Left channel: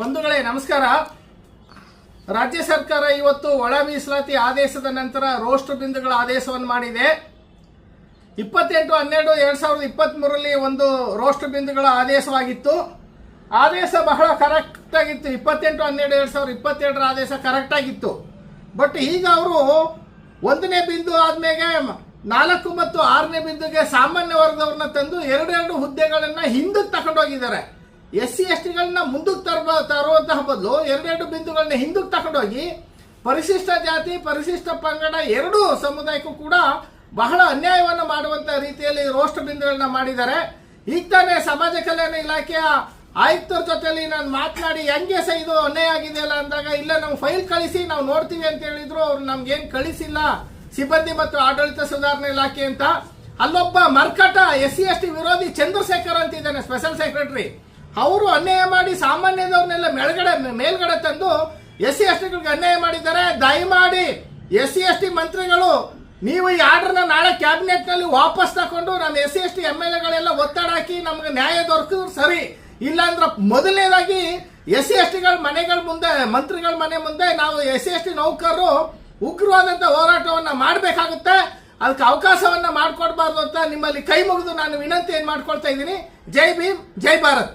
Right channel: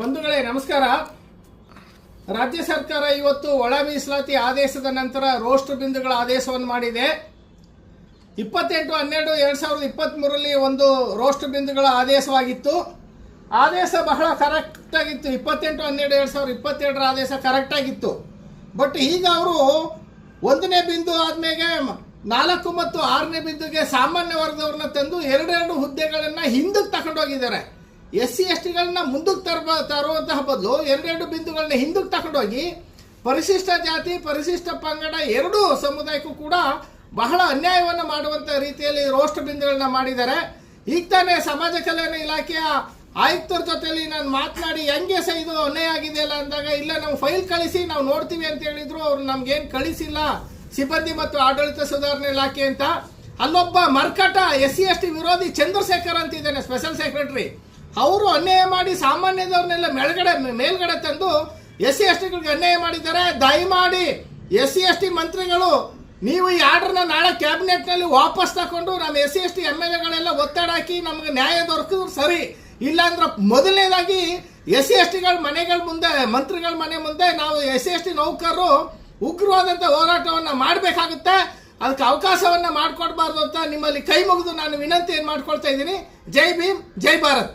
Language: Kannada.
ಬಂಧುಗಳೇ, ನಮಸ್ಕಾರ. ರಾಜ್ಯ ಸರ್ಕಾರ ಇವತ್ತು ಒಳ ಮೀಸಲಾತಿ ಆದೇಶದ ನಂತರ ರೋಸ್ಟ್ ಬಿಂದುಗಳ ಆದೇಶವನ್ನು ಮಾಡಿದೆ. ಇಪ್ಪತ್ತೆಂಟು, ಹನ್ನೆರಡು, ಎರಡು ಸಾವಿರದ ಇಪ್ಪತ್ತ್ ಮೂರರಲ್ಲಿ ಒಂದು ರೋಸ್ಟ್ ಬಿಂದುಗಳ ಆದೇಶವಾಗಿತ್ತು. ಆದೇಶ ಬಹಳ ಕರೆಕ್ಟ್ ಆಗಿತ್ತು. ಇಪ್ಪತ್ತೆಂಟು, ಹನ್ನೆರಡು, ಎರಡು ಸಾವಿರದ ಇಪ್ಪತ್ತೆರಡರ ಆದೇಶ ಕರೆಕ್ಟ್ ಆಗಿತ್ತು. ಬಟ್ ಈಗ ಅವರು ಒಂದನೇ ಬಿಂದು ಆದ್ಮೇಲೆ ನಾಲ್ಕು ಮತ್ತು ಆರನೇ ಬಿಂದುಗೆ ಸಾಮಾನ್ಯ ವರ್ಗದವ್ರನ್ನ ತಂದು ಎರಡೆರಡು ಹುದ್ದೆಗಳನ್ನ ಹಿಂದಕ್ಕೆ ತಗೊಂಡೋಗಿದ್ದಾರೆ. ಎಸ್ ಸಿ ಎಸ್ ಟಿಗಳನ್ನ ಮುಂದಕ್ಕೆ ತರಬ ತರುವಂತಹ ಬದಲು ಎರಡೆರಡು ಬಿಂದುಗಳನ್ನ ಹಿಂದಕ್ಕೆ ತಗೊಂಡೋಗಿ ಪರಿಶಿಷ್ಟ ಜಾತಿ, ಪರಿಶಿಷ್ಟ ಪಂಗಡ ಎರಡೂ ಸಮುದಾಯಕ್ಕೂ ಕೂಡ ಬಹಳ ಅನ್ಯಾಯವನ್ನು ಮಾಡುವಂತ ರೀತಿಯಲ್ಲಿ ರೋಸ್ಟ್ ಬಿಂದುಗಳನ್ನ ಮಾಡಿದ್ದಾರೆ. ಈಗ ತಾನೇ ಸಮಾಜ ಕಲ್ಯಾಣ ಇಲಾಖೆಯ ಆಯುಕ್ತರ ಜೊತೆಲಿ ನಾನು ಮಾತನಾಡಿ ಹೆಂಗೆ ಸಹ ಇದು ಅನ್ಯಾಯ ಆಗಿದೆಯಲ್ಲ? ಅಂದಾಗ, ಇಲ್ಲ, ನಾವು ಫೈಲ್ ಕಳಿಸಿ, ನಾವು ನೋಡ್ತೀವಿ ಅಂತ ಹೇಳಿದ್ರು. ಅವ್ರು ನಮ್ಗೇನು ಕಳಿಸಿಲ್ಲ. ಸಿಬ್ಬಂದಿ ಮತ್ತು ಆಡಳಿತ ಸುಧಾರಣೆ ಇಲಾಖೆ ಅಂತ. ಅಲ್ಲೊಬ್ಬ ಮರ್ಕಟ ಎಸ್ ಸಿ ಎಸ್ ಟಿ ವಿರೋಧಿ ಚಂದ್ರಶೇಖರ್ ಅಂತ ಇದ್ದಾನೆ ಸ್ಪೆಷಲ್ ಸೆಕ್ರೆಟರಿ ಅವರು ಅನ್ಯಾಯ ಮಾಡಿ ಸಾಮಾನ್ಯದವ್ರನ್ನೆಲ್ಲ ಮೇಲ್ಗಡೆ ಮೇಲ್ಗಡೆ ತಂದು ಎಸ್ ಸಿ ಎಸ್ ಟಿಗಳಿಗೆ ಅನ್ಯಾಯ ಮಾಡಿದ್ದಾರೆ. ದಯಮಾಡಿ ಎಸ್ ಸಿ ಎಸ್ ಟಿ ಮಂತ್ರಿಗಳು, ನೀವು ಈ ಆರ್ಡರ್ನ ನಾಳೆ ಕ್ಯಾಬಿನೆಟ್ನಲ್ಲಿ ವಾಪಸ್ ತಗೊಂಡು ನಾನು S C S T M L ಎಗಳೆಲ್ಲ ಒತ್ತಡ ಹಾಕಿ ನಮ್ಗೆ ನ್ಯಾಯ ದೊರಕಿದ್ರು ಸರಿ. ಇಲ್ಲಾಂದ್ರೆ ಮೊದಲನೇದಾಗಿ ಎಸ್ ಸಿ ಎಸ್ ಟಿಗಳ ಮನೆಗಳ ಮುಂದೆ, ಮಂತ್ರಿಗಳ ಮನೆ ಮುಂದೆ ನಾವು ಎಸ್ ಸಿ ಎಸ್ ಟಿ ನೌಕರರು ಉಗ್ರವಾದಂತ ಹೋರಾಟವನ್ನು ಮಾಡಬೇಕಾಗುತ್ತೆ. ಅದಕ್ಕೆ ಅವಕಾಶವನ್ನ ಮಾಡಿಕೊಡ್ಬಾರ್ದು ಅಂತ ನಿಮ್ಮಲ್ಲಿ ಕೈ ಮುಗಿದು ನಾನು ವಿನಂತಿ ಏನ್ ಮಾಡ್ಕೊಳ್ತಾ ಇದ್ದೀನಿ. ಜೈ ಭೀಮ್, ಜೈ ಭಾರತ್.